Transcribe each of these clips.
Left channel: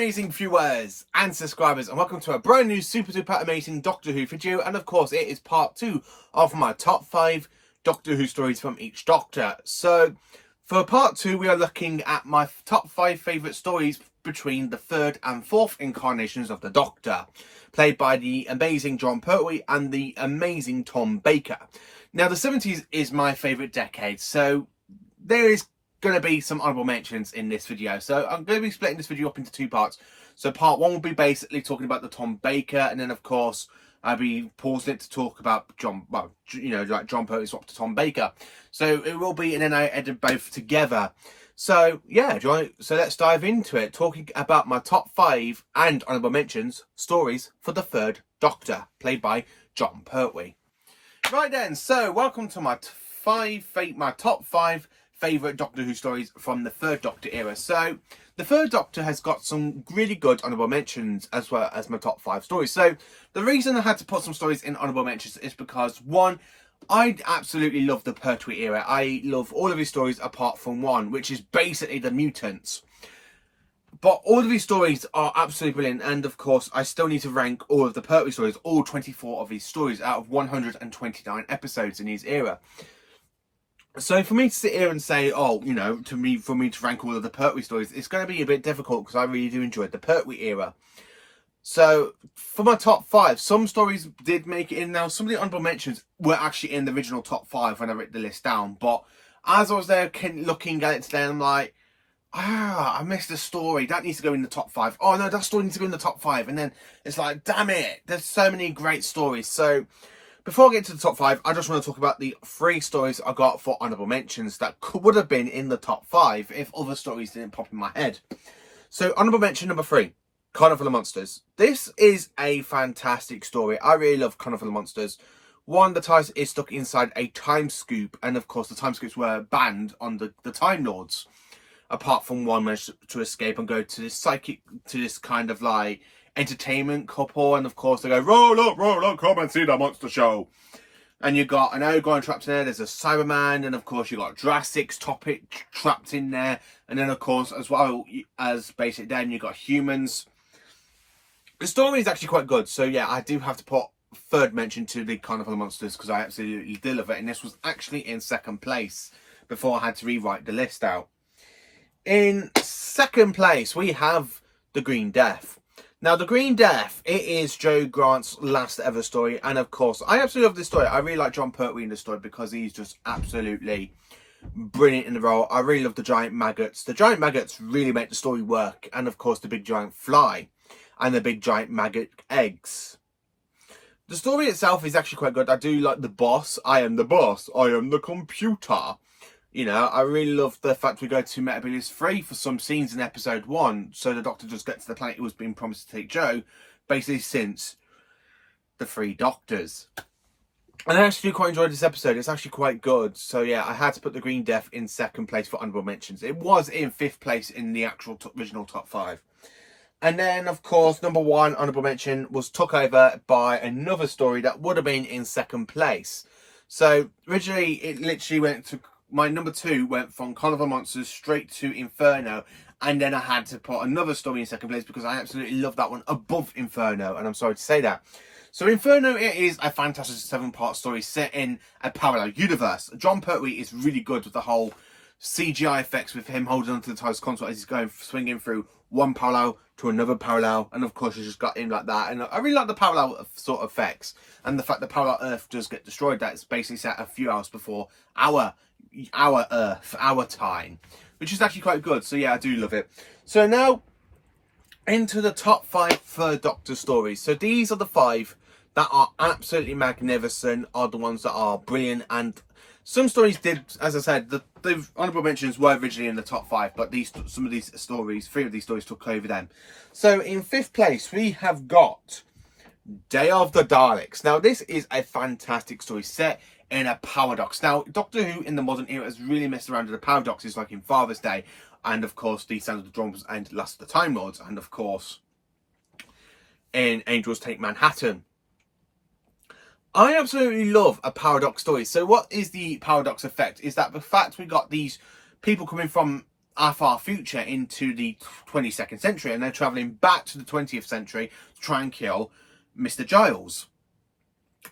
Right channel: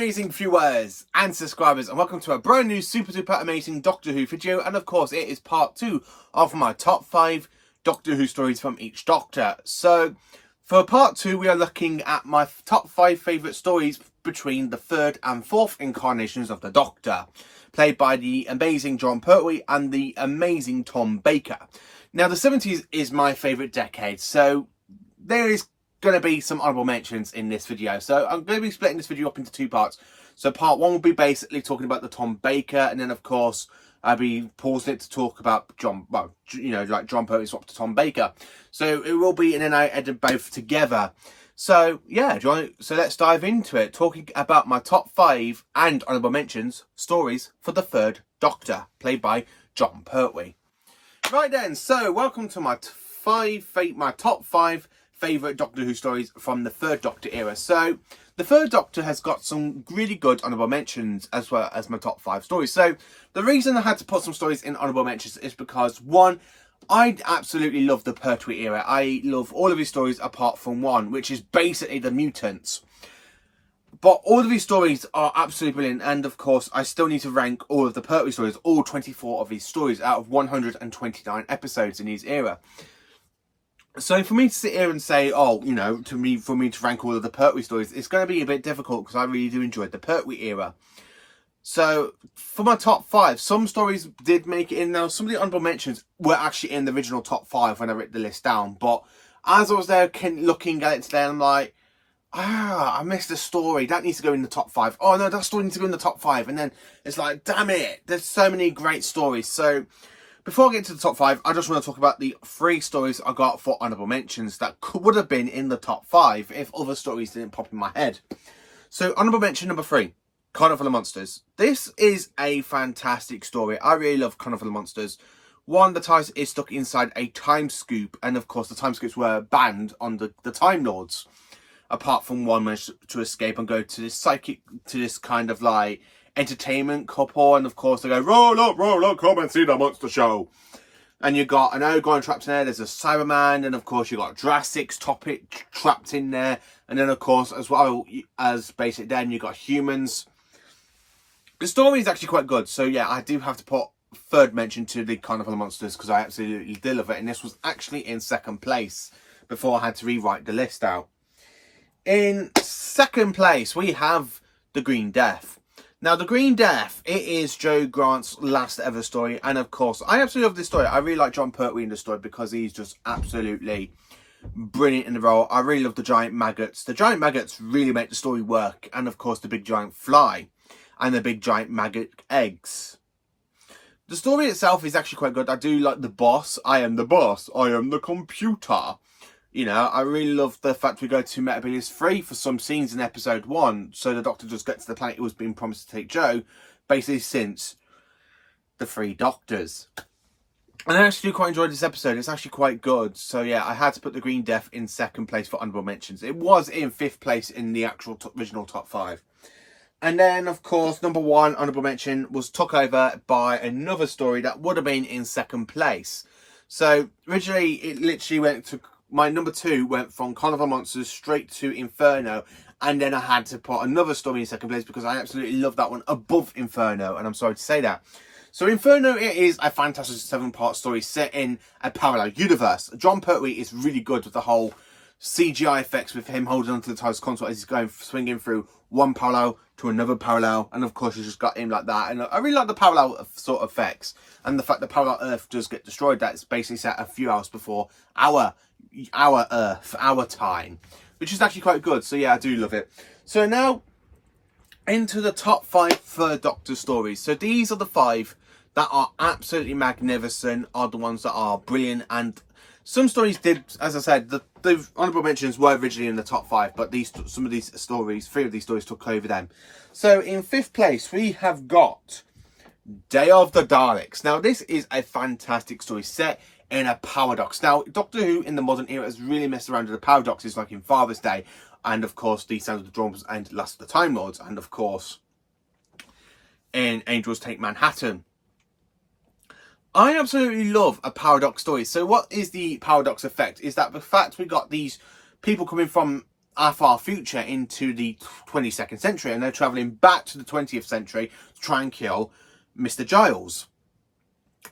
amazing viewers and subscribers, and welcome to a brand new super duper amazing Doctor Who video. And of course it is part 2 of my top 5 Doctor Who stories from each Doctor. So for part 2 we are looking at my top 5 favourite stories between the 3rd and 4th incarnations of the Doctor, played by the amazing Jon Pertwee and the amazing Tom Baker. Now the 70s is my favourite decade, so there is going to be some honourable mentions in this video. So I'm going to be splitting this video up into 2 parts. So part 1 will be basically talking about the Tom Baker, and then of course I'll be pausing it to talk about Jon Pertwee swapped to Tom Baker. So it will be, and then I edit both together. So yeah, so let's dive into it, talking about my top 5 and honourable mentions stories for the 3rd Doctor, played by Jon Pertwee. Right then, so welcome to my top 5 favourite Doctor Who stories from the 3rd Doctor era. So the 3rd Doctor has got some really good honourable mentions as well as my top 5 stories. So the reason I had to put some stories in honourable mentions is because, one, I absolutely love the Pertwee era. I love all of his stories apart from one, which is basically the mutants. But all of these stories are absolutely brilliant, and of course I still need to rank all of the Pertwee stories, all 24 of these stories out of 129 episodes in his era. So for me to sit here and say, for me to rank all of the Pertwee stories, it's going to be a bit difficult because I really do enjoy the Pertwee era. So for my top 5, some stories did make it in. Now some of the honourable mentions were actually in the original top 5 when I wrote the list down. But as I was there looking at it today, I'm like, I missed a story. That needs to go in the top 5. Oh no, that story needs to go in the top 5. And then it's like, damn it, there's so many great stories. So before I get to the top 5, I just want to talk about the 3 stories I got for honourable mentions that would have been in the top 5 if other stories didn't pop in my head. So honourable mention number 3, Carnival of Monsters. This is a fantastic story. I really love Carnival of Monsters. One, the TARDIS is stuck inside a time scoop, and of course the time scoops were banned on the Time Lords. Apart from one managed to escape and go to this kind of like entertainment couple, and of course they go, roll up, come and see the monster show. And you got an Ogon trapped in there, there's a Cyberman, and of course you got Jurassic's topic trapped in there, and then of course as well as Basic Den you got humans. The story is actually quite good, so yeah, I do have to put 3rd mention to the Carnival of Monsters because I absolutely did love it, and this was actually in 2nd place before I had to rewrite the list out. In 2nd place, we have The Green Death. Now, The Green Death, it is Jo Grant's last ever story. And of course, I absolutely love this story. I really like Jon Pertwee in the story because he's just absolutely brilliant in the role. I really love the giant maggots. The giant maggots really make the story work. And of course, the big giant fly and the big giant maggot eggs. The story itself is actually quite good. I do like the boss. I am the boss. I am the computer. You know, I really love the fact we go to Metabilis 3 for some scenes in episode 1. So the Doctor does get to the planet he was being promised to take Jo, basically since the 3 Doctors. And I actually quite enjoyed this episode. It's actually quite good. So yeah, I had to put The Green Death in 2nd place for honourable mentions. It was in 5th place in the actual original top 5. And then, of course, number 1 honourable mention was took over by another story that would have been in 2nd place. So originally, it literally went to... My number 2 went from Carnival of Monsters straight to Inferno, and then I had to put another story in 2nd place because I absolutely love that one above Inferno, and I'm sorry to say that. So Inferno, it is a fantastic 7-part story set in a parallel universe. Jon Pertwee is really good with the whole CGI effects with him holding onto the TARDIS console as he's swinging through one parallel to another parallel, and of course you just got him like that. And I really like the parallel sort of effects, and the fact that parallel Earth does get destroyed. That's basically set a few hours before our Earth, our time, which is actually quite good. So yeah, I do love it. So now into the top 5 3rd Doctor stories. So these are the 5 that are absolutely magnificent, are the ones that are brilliant, and some stories did, as I said, the honourable mentions were originally in the top 5, but some of these stories, 3 of these stories took over them. So in 5th place we have got Day of the Daleks. Now this is a fantastic story set in a paradox. Now, Doctor Who in the modern era has really messed around with the paradoxes, like in Father's Day, and of course the Sound of the Drums and Last of the Time Lords, and of course in Angels Take Manhattan. I absolutely love a paradox story. So what is the paradox effect? Is that the fact we got these people coming from our far future into the 22nd century, and they're travelling back to the 20th century to try and kill Mr. Giles.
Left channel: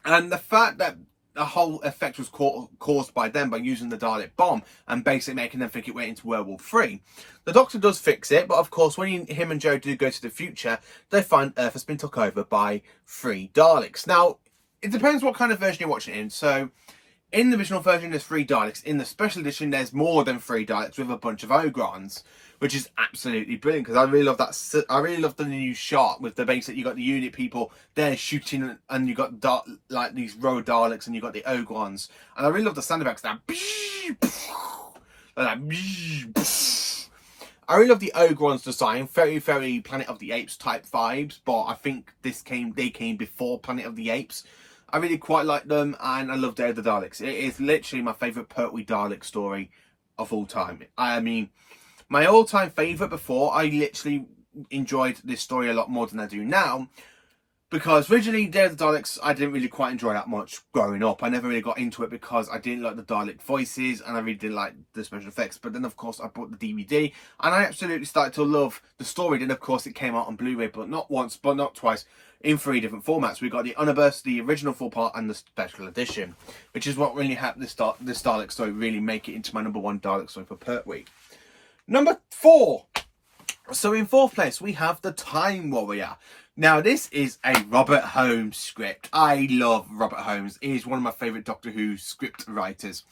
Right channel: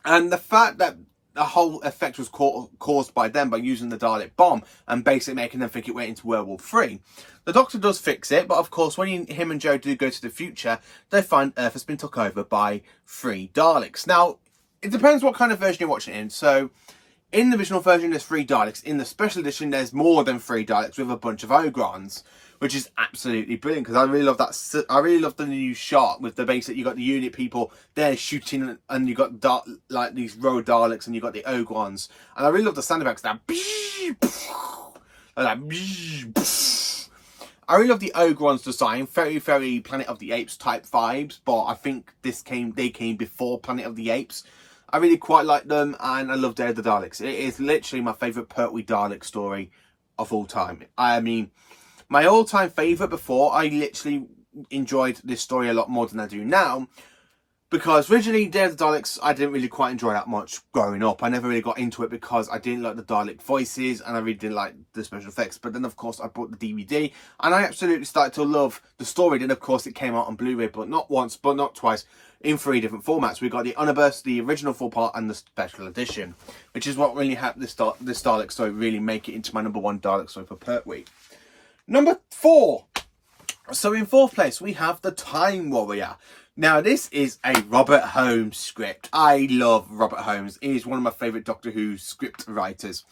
And the fact that the whole effect was caused by them by using the Dalek bomb and basically making them think it went into World War III. The Doctor does fix it, but of course when him and Jo do go to the future, they find Earth has been took over by 3 Daleks. Now, it depends what kind of version you're watching it in. So, in the original version, there's 3 Daleks. In the special edition, there's more than 3 Daleks with a bunch of Ogrons, which is absolutely brilliant because I really love that. I really love the new shot with the base that you got the unit people there shooting, and you got like these row Daleks, and you got the Ogrons, and I really love the sound effects. That I really love the Ogrons design. Very, very Planet of the Apes type vibes, but I think they came before Planet of the Apes. I really quite like them, and I love Day of the Daleks. It is literally my favourite Pertwee Dalek story of all time. I mean, my all-time favourite before, I literally enjoyed this story a lot more than I do now, because originally Day of the Daleks, I didn't really quite enjoy that much growing up. I never really got into it because I didn't like the Dalek voices, and I really didn't like the special effects. But then, of course, I bought the DVD, and I absolutely started to love the story. Then, of course, it came out on Blu-ray, but not once, but not twice, in 3 different formats. We got the Omnibus, the original 4-part, and the special edition, which is what really helped this Dalek story really make it into my #1 Dalek story for Pertwee. Number 4. So in 4th place, we have The Time Warrior. Now, this is a Robert Holmes script. I love Robert Holmes. He is one of my favourite Doctor Who script writers.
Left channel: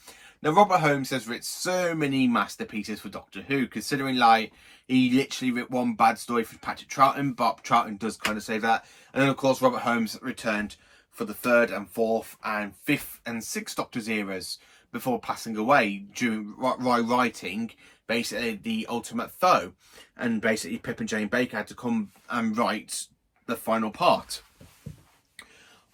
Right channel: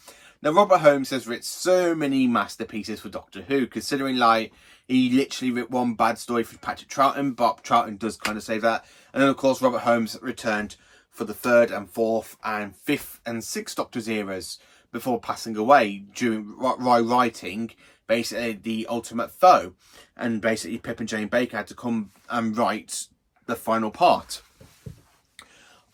Now, Robert Holmes has written so many masterpieces for Doctor Who, considering, like, he literally wrote one bad story for Patrick Troughton. Bob Troughton does kind of say that. And then, of course, Robert Holmes returned for the 3rd and 4th and 5th and 6th Doctor's eras before passing away while writing basically The Ultimate Foe. And basically Pip and Jane Baker had to come and write the final part.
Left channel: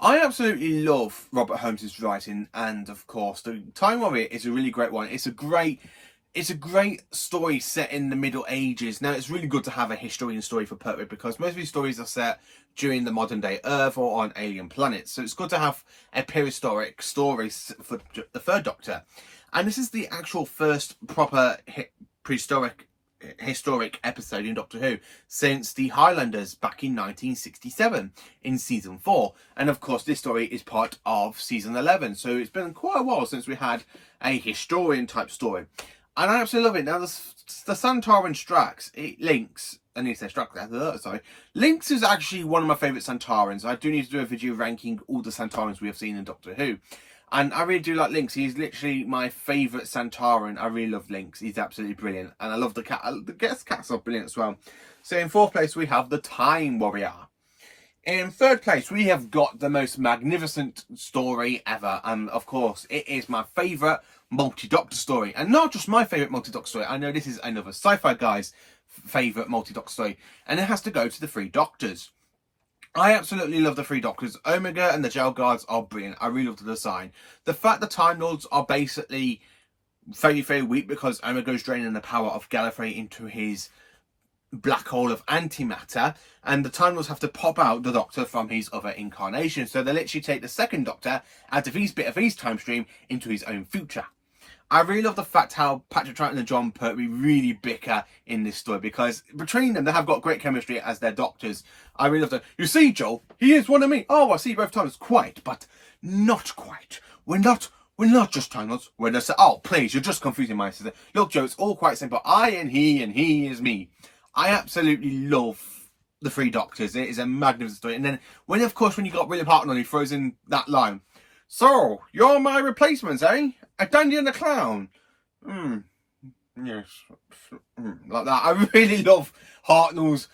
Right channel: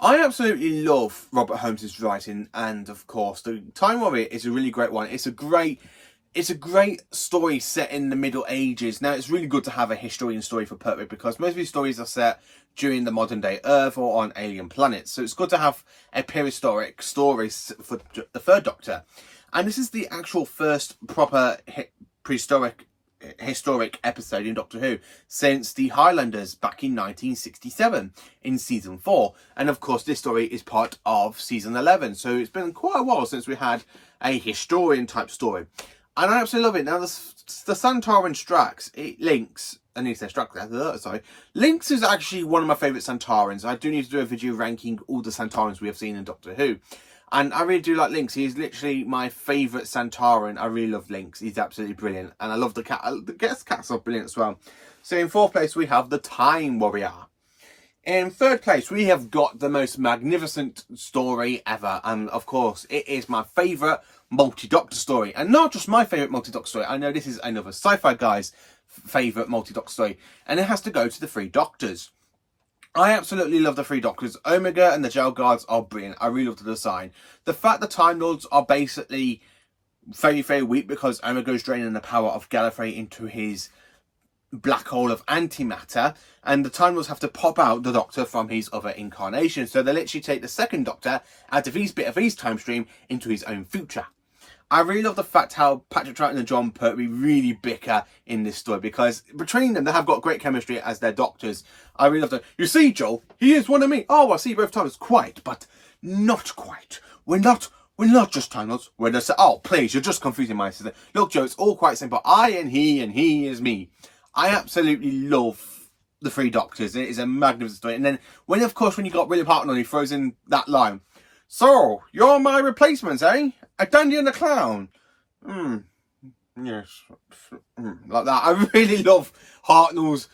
I absolutely love Robert Holmes's writing, and of course The Time Warrior is a really great one. It's a great story set in the Middle Ages. Now, it's really good to have a historian story for Pertwee because most of these stories are set during the modern day Earth or on alien planets. So it's good to have a prehistoric story for the 3rd Doctor. And this is the actual first proper historic episode in Doctor Who since the Highlanders back in 1967 in season 4, and of course this story is part of season 11, so it's been quite a while since we had a historian type story, and I absolutely love it. Now the Santoran Strax, Links, Links is actually one of my favourite Santarans. I do need to do a video ranking all the Santarans we have seen in Doctor Who. And I really do like Links. He's literally my favourite Santaran. I really love Links. He's absolutely brilliant. And I love the cat. The guest cats are brilliant as well. So in 4th place, we have The Time Warrior. In 3rd place, we have got the most magnificent story ever. And of course, it is my favourite multi-Doctor story. And not just my favourite multi-Doctor story. I know this is another sci-fi guy's favourite multi-Doctor story. And it has to go to the 3 Doctors. I absolutely love the 3 Doctors. Omega and the Jail Guards are brilliant. I really love the design. The fact the Time Lords are basically very, very weak because Omega is draining the power of Gallifrey into his black hole of antimatter, and the Time Lords have to pop out the Doctor from his other incarnation. So they literally take the 2nd Doctor out of his bit of his time stream into his own future. I really love the fact how Patrick Troughton and John Pertwee really bicker in this story, because between them, they have got great chemistry as their doctors. I really love that. You see, Joel, he is one of me. Oh, I see both times. Quite, but not quite. We're not just Time Lords. We're just, oh, please, you're just confusing my sister. Look, Joe, it's all quite simple. I and he is me. I absolutely love the 3 Doctors. It is a magnificent story. And then when you got William Hartnell, he throws in that line. So, you're my replacements, eh? A Dandy and a Clown. Yes. Like that. I really love Hartnell's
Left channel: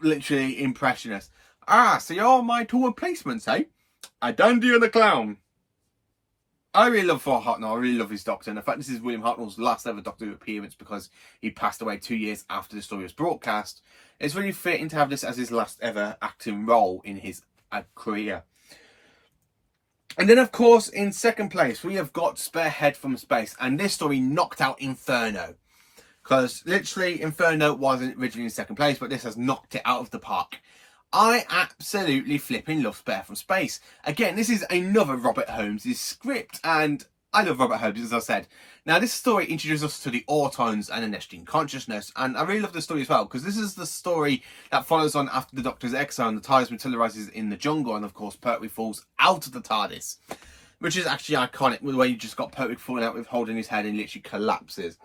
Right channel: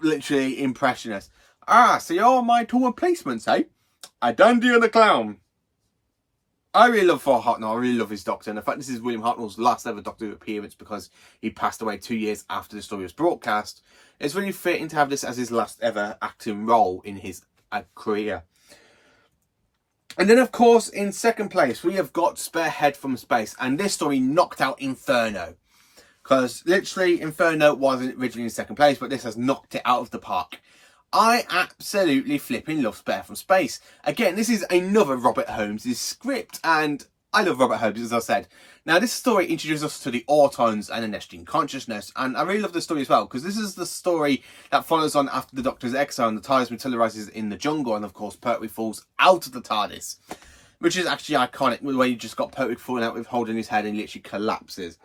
literally impressionist. Ah, so you're my 2 replacements, eh? A Dandy and a Clown. I really love Hartnell. I really love his Doctor. And in fact, this is William Hartnell's last ever Doctor Who appearance because he passed away 2 years after the story was broadcast. It's really fitting to have this as his last ever acting role in his career. And then, of course, in 2nd place, we have got Spearhead from Space. And this story knocked out Inferno. Because, literally, Inferno wasn't originally in 2nd place, but this has knocked it out of the park. I absolutely flipping love Spearhead from Space. Again, this is another Robert Holmes' script. And I love Robert Holmes, as I said. Now, this story introduces us to the Autons and the Nestine consciousness, and I really love this story as well, because this is the story that follows on after the Doctor's exile and the TARDIS materialises in the jungle, and of course Pertwee falls out of the TARDIS, which is actually iconic, the way you just got Pertwee falling out with holding his head and literally collapses.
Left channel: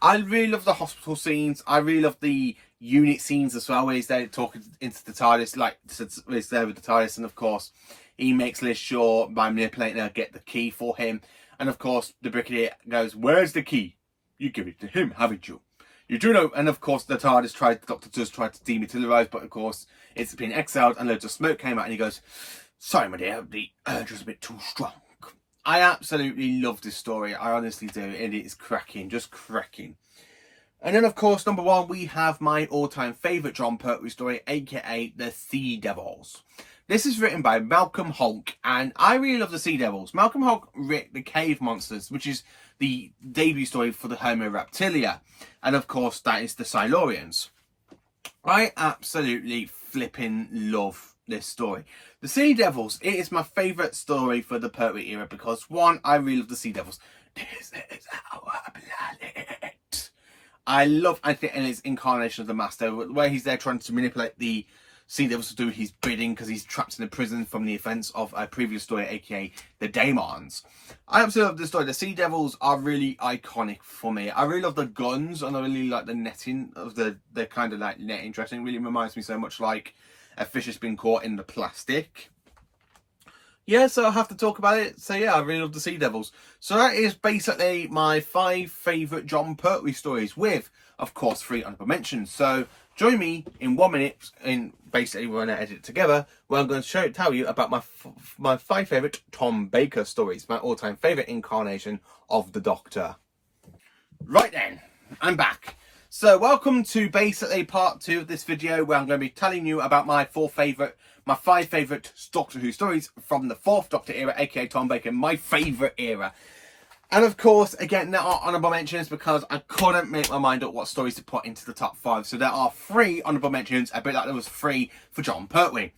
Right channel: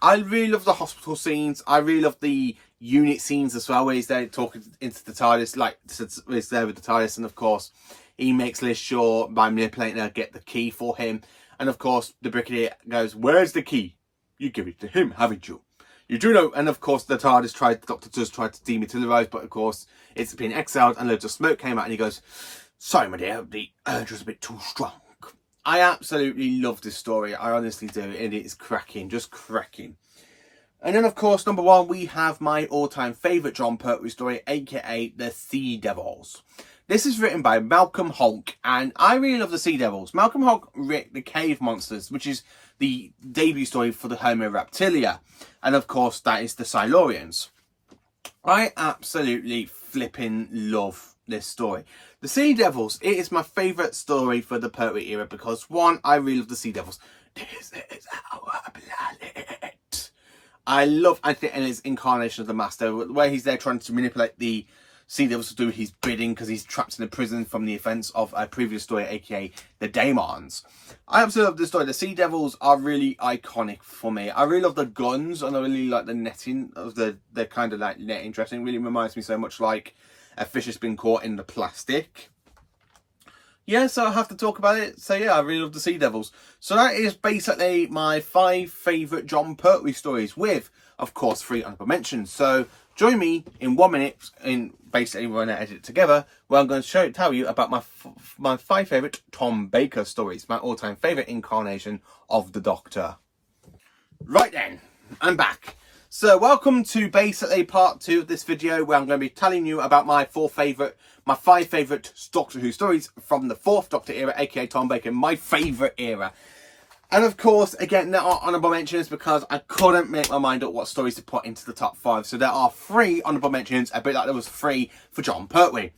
I really love the hospital scenes. I really love the unit scenes as well, where he's there talking into the TARDIS, like he's there with the TARDIS, and of course he makes Liz Shaw, by manipulating her, get the key for him. And of course, the Brigadier goes, "Where's the key? You give it to him, haven't you? You do know." And of course, the Doctor does try to dematerialise, but of course, it's been exiled and loads of smoke came out. And he goes, "Sorry, my dear, the urge was a bit too strong." I absolutely love this story. I honestly do. And it is cracking, just cracking. And then, of course, number one, we have my all-time favourite Jon Pertwee story, aka The Sea Devils. This is written by Malcolm Hulke, and I really love the Sea Devils. Malcolm Hulke wrote The Cave Monsters, which is the debut story for the Homo Reptilia. And of course, that is the Silurians. I absolutely flipping love this story. The Sea Devils, it is my favourite story for the Pertwee era because, one, I really love the Sea Devils. This is our planet. I love Anthony Elliott's incarnation of the Master, where he's there trying to manipulate the Sea Devils to do his bidding because he's trapped in a prison from the events of a previous story, aka the Daemons. I absolutely love this story. The Sea Devils are really iconic for me. I really love the guns, and I really like the netting of the kind of like netting dressing. It really reminds me so much like a fish has been caught in the plastic. Yeah, so I have to talk about it. So yeah, I really love the Sea Devils. So that is basically my 5 favourite Jon Pertwee stories with, of course, 3 honourable mentions. So join me in 1 minute, in basically when I edit it together, where I'm going to tell you about my 5 favourite Tom Baker stories, my all-time favourite incarnation of the Doctor. Right then, I'm back. So welcome to basically part 2 of this video, where I'm going to be telling you about my 5 favourite Doctor Who stories from the 4th Doctor era, aka Tom Baker, my favourite era. And of course, again, there are honourable mentions because I couldn't make my mind up what stories to put into the top 5. So there are 3 honourable mentions, a bit like there was 3 for Jon Pertwee.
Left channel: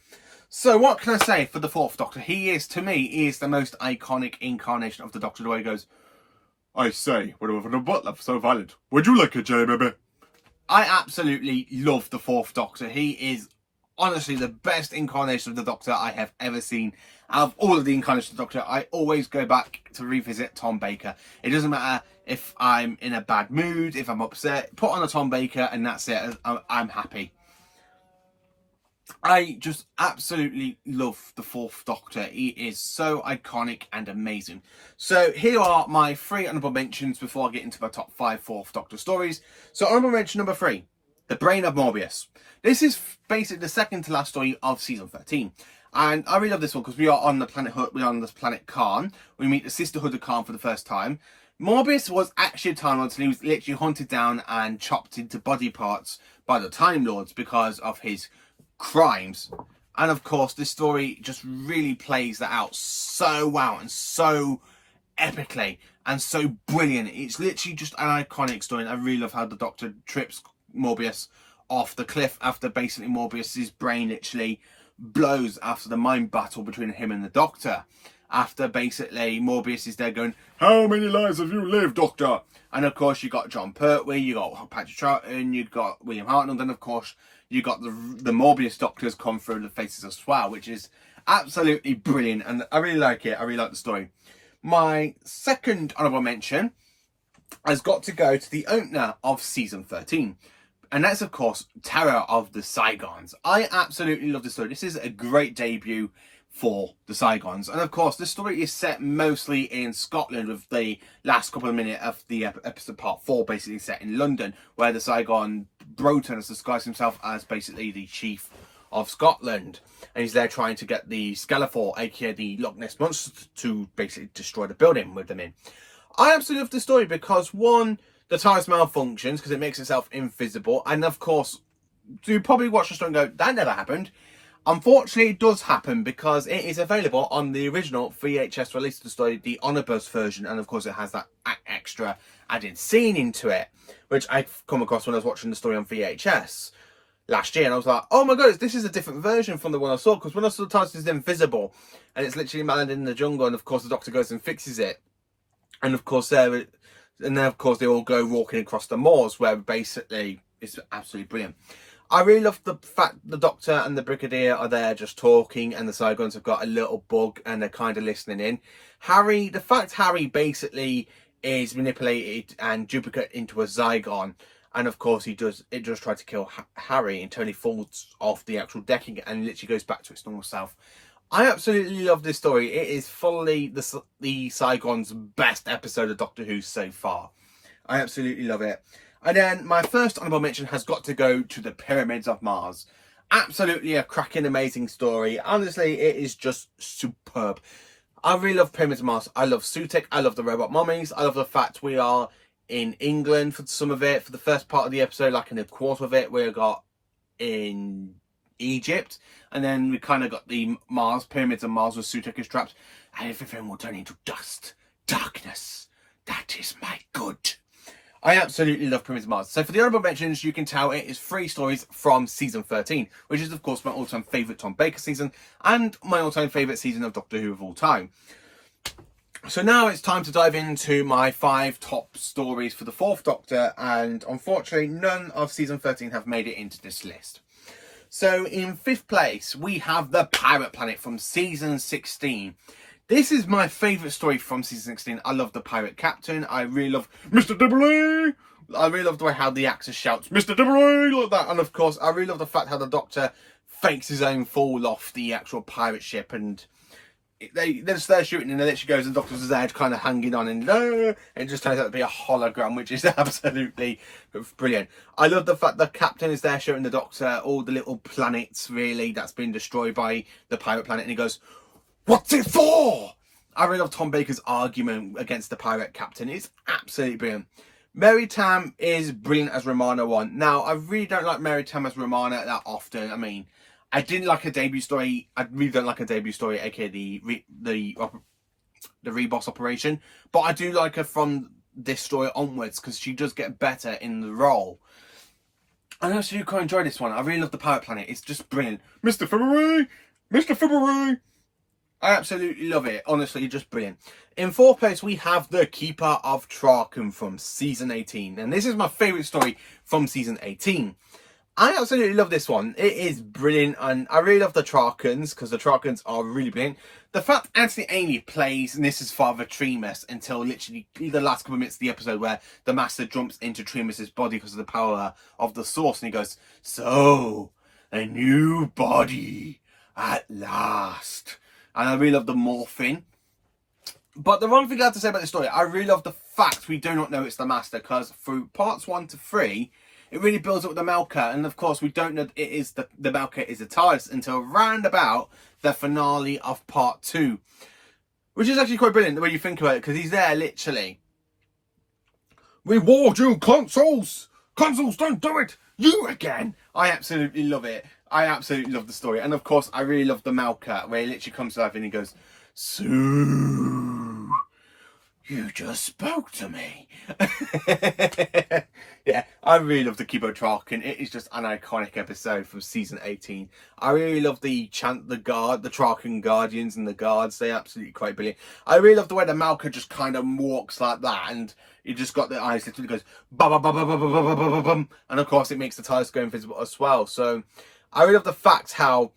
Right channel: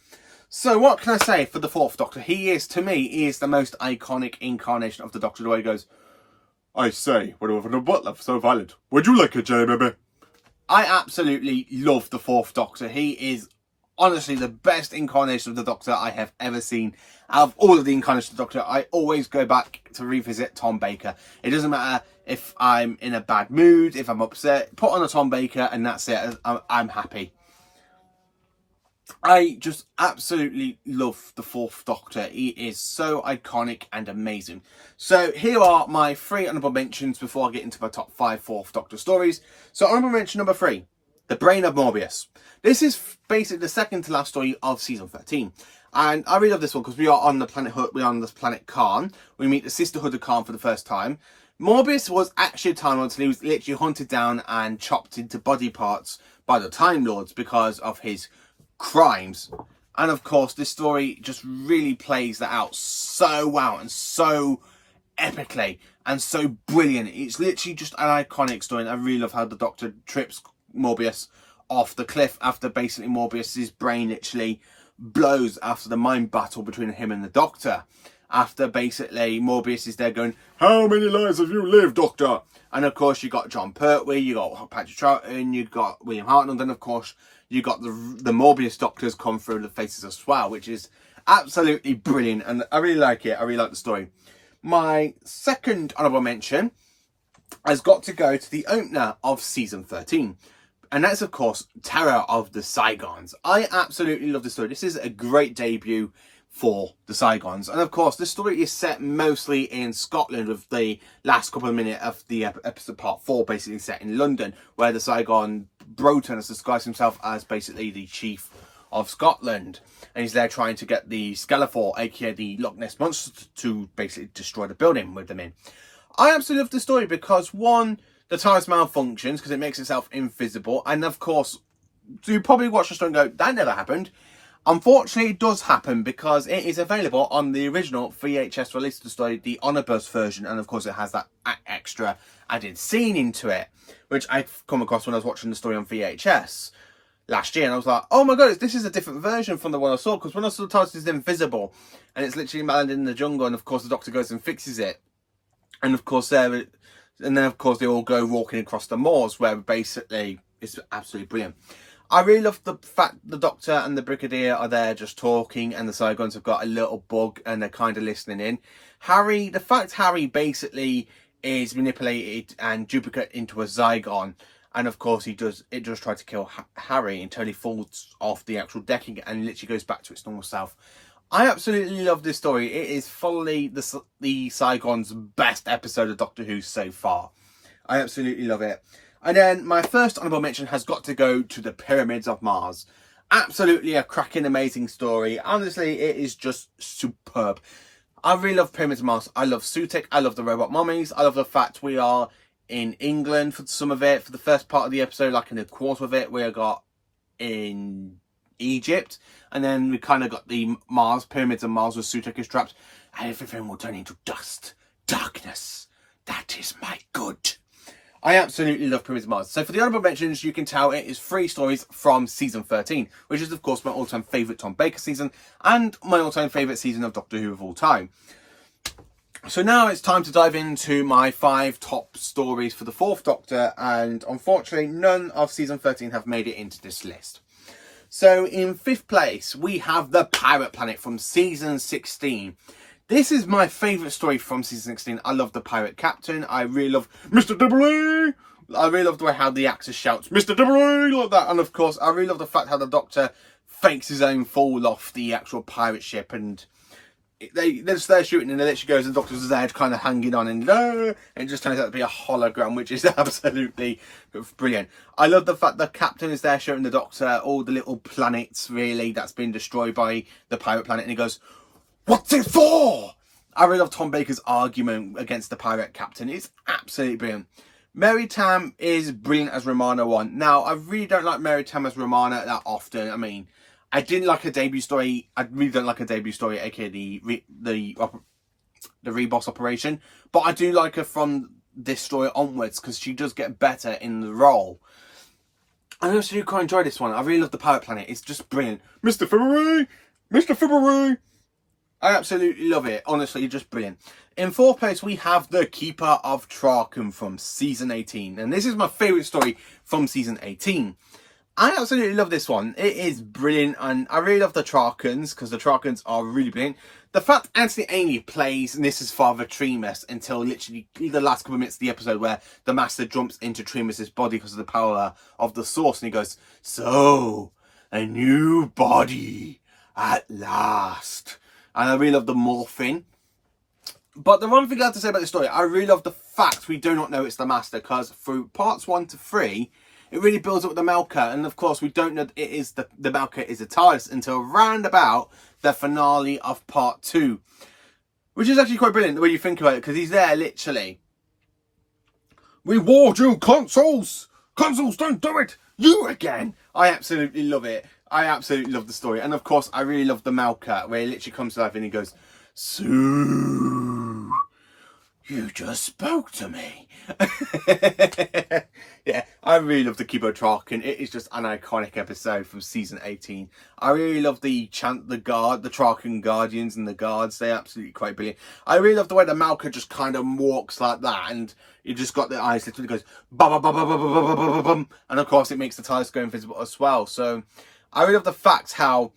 So what can I say for the 4th Doctor? To me, he is the most iconic incarnation of the Doctor, the way he goes, "I say, what over the butler so violent? Would you like a jelly, baby?" I absolutely love the 4th Doctor. He is honestly the best incarnation of the Doctor I have ever seen. Out of all of the incarnations of the Doctor, I always go back to revisit Tom Baker. It doesn't matter if I'm in a bad mood, if I'm upset, put on a Tom Baker and that's it. I'm happy. I just absolutely love the 4th Doctor. He is so iconic and amazing. So here are my 3 honourable mentions before I get into my top 5 4th Doctor stories. So honourable mention number 3, The Brain of Morbius. This is basically the second to last story of season 13. And I really love this one because we are on the planet we're on this planet Khan. We meet the Sisterhood of Khan for the first time. Morbius was actually a Time Lord, and he was literally hunted down and chopped into body parts by the Time Lords because of his crimes. And of course, this story just really plays that out so well and so epically and so brilliant. It's literally just an iconic story, and I really love how the Doctor trips Morbius off the cliff after basically Morbius's brain literally blows after the mind battle between him and the Doctor. After basically Morbius is there going, "How many lives have you lived, Doctor?" And of course you got Jon Pertwee, you got Patrick Troughton, you got William Hartnell, and of course you got the Morbius Doctors come through the faces as well, which is absolutely brilliant, and I really like it. I really like the story. My second honourable mention has got to go to the opener of season 13. And that's, of course, Terror of the Saigons. I absolutely love this story. This is a great debut for the Saigons. And, of course, this story is set mostly in Scotland, with the last couple of minutes of the episode part 4 basically set in London, where the Saigon Broton has disguised himself as basically the chief of Scotland. And he's there trying to get the Skeletor, aka the Loch Ness Monster, to basically destroy the building with them in. I absolutely love this story because, one, the TARDIS malfunctions because it makes itself invisible. And of course, you probably watch the story and go, that never happened. Unfortunately, it does happen because it is available on the original VHS release of the story, the Omnibus version. And of course, it has that extra added scene into it, which I've come across when I was watching the story on VHS last year. And I was like, oh my god, this is a different version from the one I saw. Because when I saw the TARDIS is invisible and it's literally landed in the jungle. And of course, the Doctor goes and fixes it. And of course, there And then, of course, they all go walking across the moors, where basically it's absolutely brilliant. I really love the fact the Doctor and the Brigadier are there just talking, and the Zygons have got a little bug and they're kind of listening in. The fact Harry basically is manipulated and duplicate into a Zygon, and of course it does try to kill Harry until he falls off the actual decking and literally goes back to its normal self. I absolutely love this story. It is fully the Zygon's best episode of Doctor Who so far. I absolutely love it. And then my first honourable mention has got to go to the Pyramids of Mars. Absolutely a cracking, amazing story. Honestly, it is just superb. I really love Pyramids of Mars. I love Sutekh. I love the robot mummies. I love the fact we are in England for some of it. For the first part of the episode, like in a quarter of it, we got in Egypt. And then we kind of got the Pyramids of Mars with Sutekh is trapped. And everything will turn into dust. Darkness. That is my good. I absolutely love Pyramids of Mars. So for the honourable mentions, you can tell it is 3 stories from season 13, which is of course my all-time favourite Tom Baker season and my all-time favourite season of Doctor Who of all time. So now it's time to dive into my 5 top stories for the 4th Doctor, and unfortunately none of season 13 have made it into this list. So in 5th place, we have The Pirate Planet from season 16. This is my favourite story from season 16. I love the pirate captain. I really love Mr. Dibbley. I really love the way how the actor shouts, Mr. Dibbley, like that. And of course, I really love the fact how the Doctor fakes his own fall off the actual pirate ship. And they're just there shooting, and then she goes, and the Doctor's there kind of hanging on, and it just turns out to be a hologram, which is absolutely brilliant. I love the fact the captain is there showing the Doctor all the little planets, really, that's been destroyed by the pirate planet. And he goes, "What's it for?" I really love Tom Baker's argument against the pirate captain. It's absolutely brilliant. Mary Tamm is brilliant as Romana 1. Now, I really don't like Mary Tamm as Romana that often. I mean, I didn't like her debut story. I really don't like her debut story, aka the Reboss operation. But I do like her from this story onwards, because she does get better in the role. I also do quite enjoy this one. I really love the Pirate Planet. It's just brilliant. Mr. February! Mr. February! I absolutely love it. Honestly, just brilliant. In 4th place, we have The Keeper of Traken from season 18. And this is my favourite story from season 18. I absolutely love this one. It is brilliant. And I really love the Trakens, because the Trakens are really brilliant. The fact Anthony Ainley plays Nyssa's father, Tremas, until literally the last couple of minutes of the episode, where the Master jumps into Tremas's body because of the power of the Source. And he goes, "So, a new body at last." And I really love the morphing. But the one thing I have to say about this story, I really love the fact we do not know it's the Master, because through parts 1 to 3, it really builds up with the Melkur. And of course, we don't know it is the Melkur is a TARDIS until round about the finale of part 2. Which is actually quite brilliant the way you think about it, because he's there literally. "Reward you, consoles! Consoles, don't do it! You again!" I absolutely love it. I absolutely love the story. And of course, I really love the Melkur, where he literally comes to life and he goes, "Sue, you just spoke to me." Yeah, I really love the Keeper of Traken. It is just an iconic episode from season 18. I really love the Traken Guardians and the guards. They're absolutely quite brilliant. I really love the way the Melkur just kind of walks like that, and you just got the eyes literally goes bum bum bum bum bum bum bum bum bum, and of course it makes the TARDIS go invisible as well. So I really love the fact how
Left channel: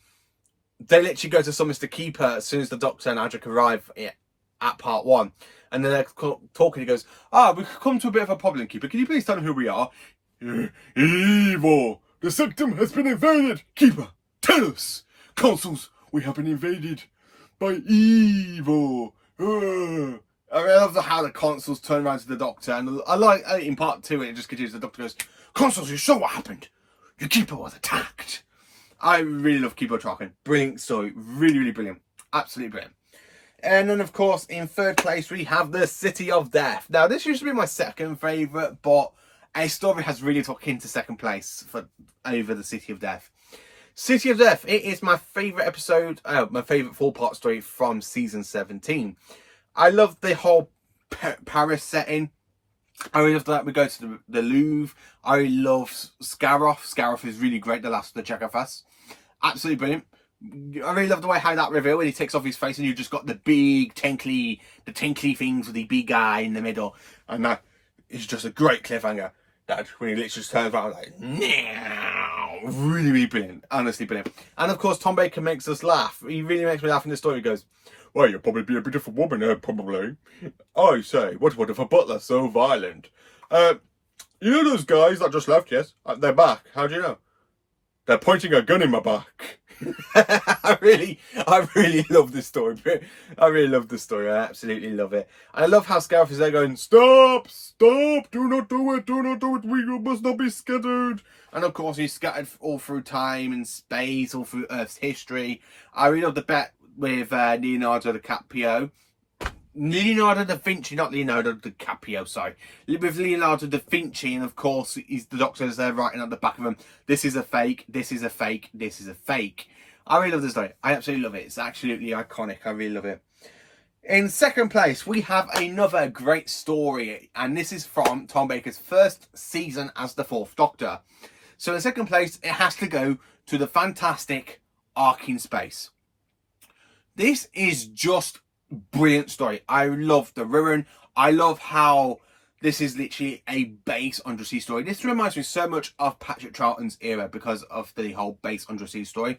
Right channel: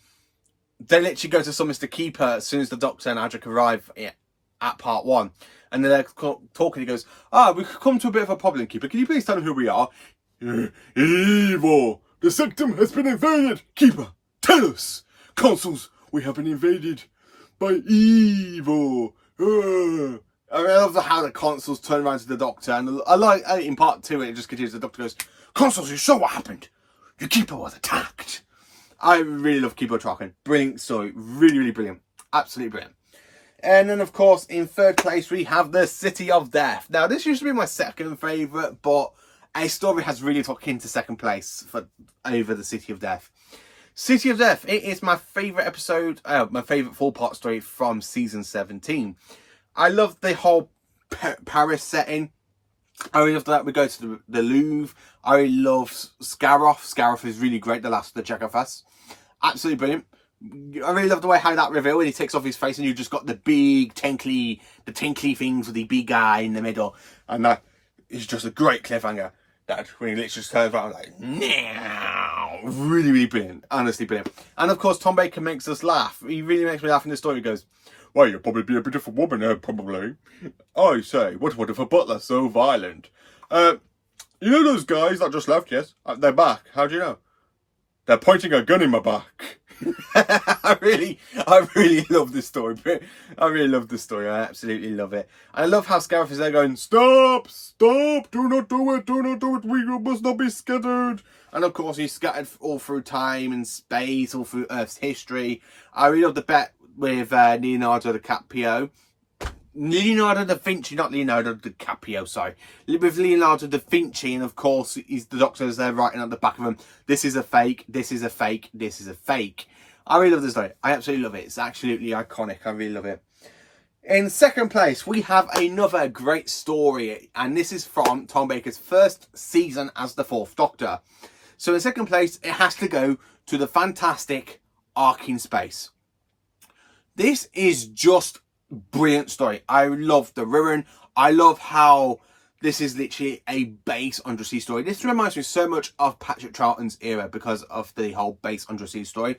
they literally go to summon Mr. Keeper as soon as the Doctor and Adric arrive at part 1. And then they're talking, he goes, "We've come to a bit of a problem, Keeper. Can you please tell them who we are?" "Evil! The Sectum has been invaded! Keeper, tell us! Consuls, we have been invaded by evil!" I love how the consuls turn around to the Doctor. And I like in part 2, it just continues. The Doctor goes, "Consuls, you saw what happened. Your Keeper was attacked." I really love Keeper of Traken. Brilliant story. Really, really brilliant. Absolutely brilliant. And then, of course, in 3rd place, we have The City of Death. Now, this used to be my second favourite, but a story has really took into 2nd place over The City of Death. City of Death, it is my favourite episode, my favourite 4-part story from season 17. I love the whole Paris setting. I really love that we go to the Louvre. I really love Scaroff. Scaroff is really great, the last of the Chekhov. Absolutely brilliant. I really love the way how that reveal when he takes off his face and you just got the big tinkly things with the big guy in the middle, and is just a great cliffhanger. That when he literally just turns around like, now, really brilliant, honestly brilliant. And of course, Tom Baker makes us laugh. He really makes me laugh in the story. He goes, "Well, you'll probably be a beautiful woman, probably. I say, what if a butler so violent? You know those guys that just left? Yes, they're back. How do you know? They're pointing a gun in my back." I really love this story. I really love the story. I absolutely love it. And I love how Scarif is there going, "Stop! Stop! Do not do it! Do not do it! We must not be scattered." And of course, he's scattered all through time and space, all through Earth's history. I really love the bet with Leonardo DiCaprio. Leonardo da Vinci, not Leonardo DiCaprio, sorry. With Leonardo da Vinci, and of course, he's the doctor's there writing at the back of him, "This is a fake, this is a fake, this is a fake." I really love this story. I absolutely love it. It's absolutely iconic. I really love it. In second place, we have another great story, and this is from Tom Baker's first season as the Fourth Doctor. So in second place, it has to go to the fantastic Ark in Space. This is just brilliant story. I love the Wirrn. I love how this is literally a base undersea story. This reminds me so much of Patrick Troughton's era because of the whole base undersea story.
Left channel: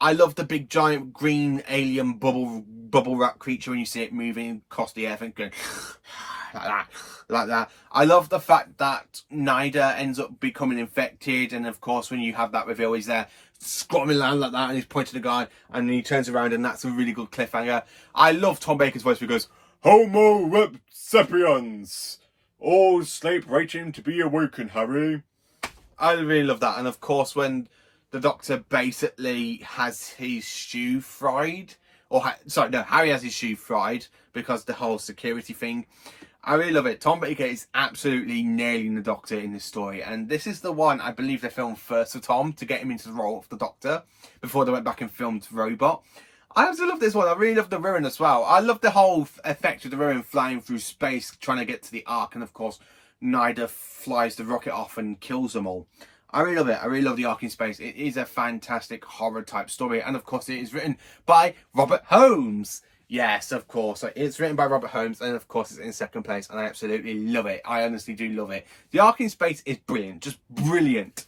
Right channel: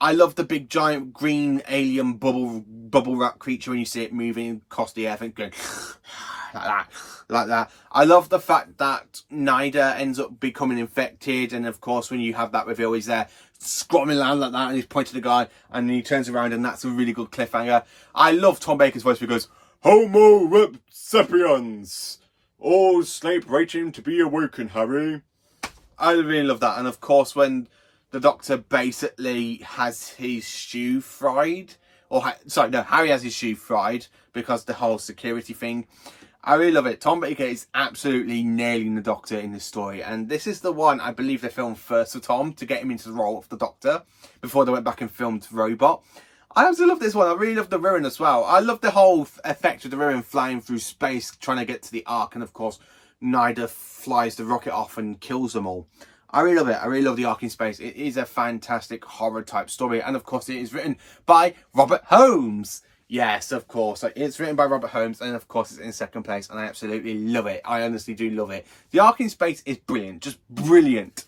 I love the big giant green alien bubble wrap creature when you see it moving across the air, going like that. I love the fact that Nyder ends up becoming infected, and of course when you have that reveal, he's there squatting around like that, and he's pointing to the guy, and then he turns around, and that's a really good cliffhanger. I love Tom Baker's voice where he goes, "Homo rep sapiens, all sleep waiting to be awoken, Harry." I really love that. And of course when the Doctor basically has his shoe fried, Harry has his shoe fried because the whole security thing. I really love it. Tom Baker is absolutely nailing the Doctor in this story, and this is the one I believe they filmed first for Tom to get him into the role of the Doctor before they went back and filmed Robot. I also love this one. I really love the Wirrn as well. I love the whole effect of the Wirrn flying through space trying to get to the Ark, and of course Nyder flies the rocket off and kills them all. I really love it. I really love the Ark in Space. It is a fantastic horror type story, and of course it is written by Robert Holmes. Yes, of course. It's written by Robert Holmes, and of course it's in second place, and I absolutely love it. I honestly do love it. The Ark in Space is brilliant, just brilliant.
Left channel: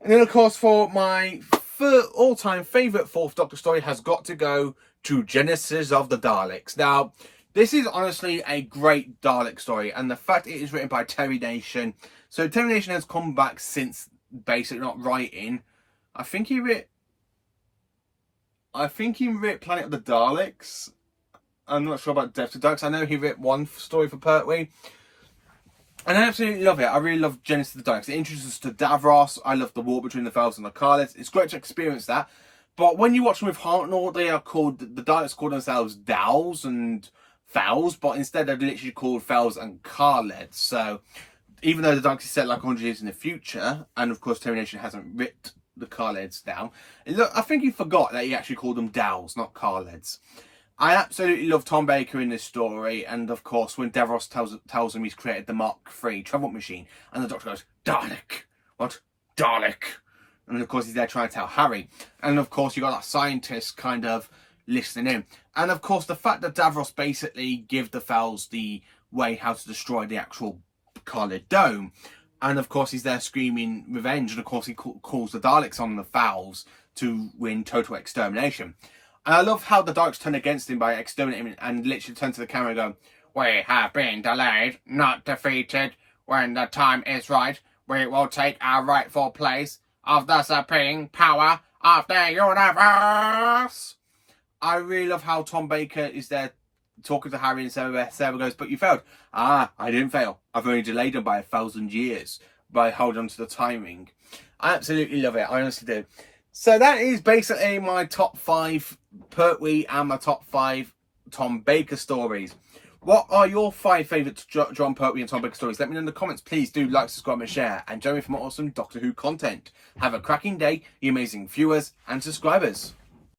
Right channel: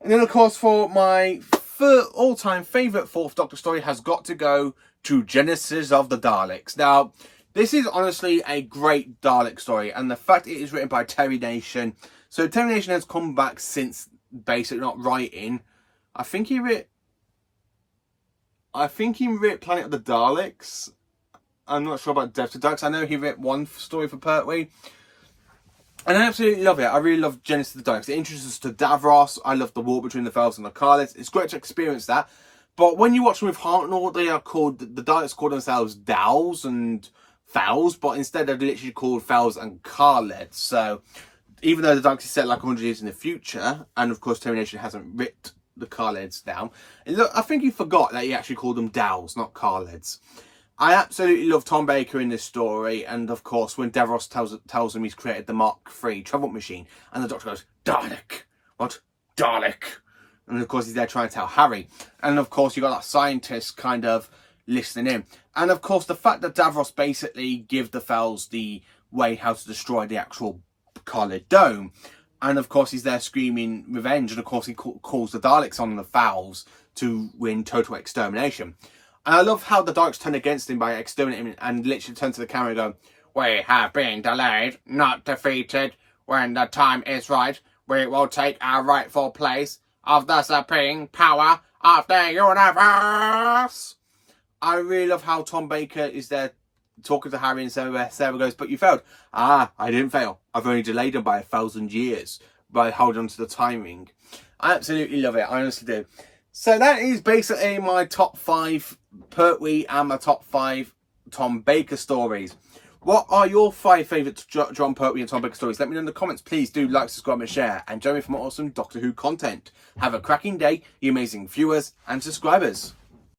And then of course for my all-time favourite Fourth Doctor story has got to go to Genesis of the Daleks. Now, this is honestly a great Dalek story, and the fact it is written by Terry Nation. So Terry Nation has come back since basically not writing. I think he wrote Planet of the Daleks. I'm not sure about Death of the Daleks. I know he wrote one story for Pertwee. And I absolutely love it. I really love Genesis of the Daleks. It introduces us to Davros. I love the war between the Fells and the Carlets. It's great to experience that. But when you watch them with Hartnell, the Daleks call themselves Dowls and Fells, but instead they're literally called Fells and Carlets. So even though the Daleks is set like 100 years in the future, and of course Terry Nation hasn't written the Carleds down, and look, I think he forgot that he actually called them Dowls, not Carleds. I absolutely love Tom Baker in this story, and of course when Davros tells him he's created the Mark III travel machine, and the Doctor goes, "Dalek, what? Dalek?" And of course he's there trying to tell Harry, and of course you got that scientist kind of listening in, and of course the fact that Davros basically give the Fells the way how to destroy the actual Carlet Dome, and of course he's there screaming revenge, and of course he calls the Daleks on the Fells to win total extermination. And I love how the Daleks turn against him by exterminating him and literally turn to the camera and go, "We have been delayed, not defeated. When the time is right, we will take our rightful place of the supreme power of the universe." I really love how Tom Baker is there talking to Harry, and Sarah goes, "But you failed." "Ah, I didn't fail. I've only delayed them by 1,000 years by holding on to the timing." I absolutely love it. I honestly do. So that is basically my top 5 Pertwee and my top 5 Tom Baker stories. What are your 5 favourite John Pertwee and Tom Baker stories? Let me know in the comments. Please do like, subscribe and share. And join me for more awesome Doctor Who content. Have a cracking day, you amazing viewers and subscribers.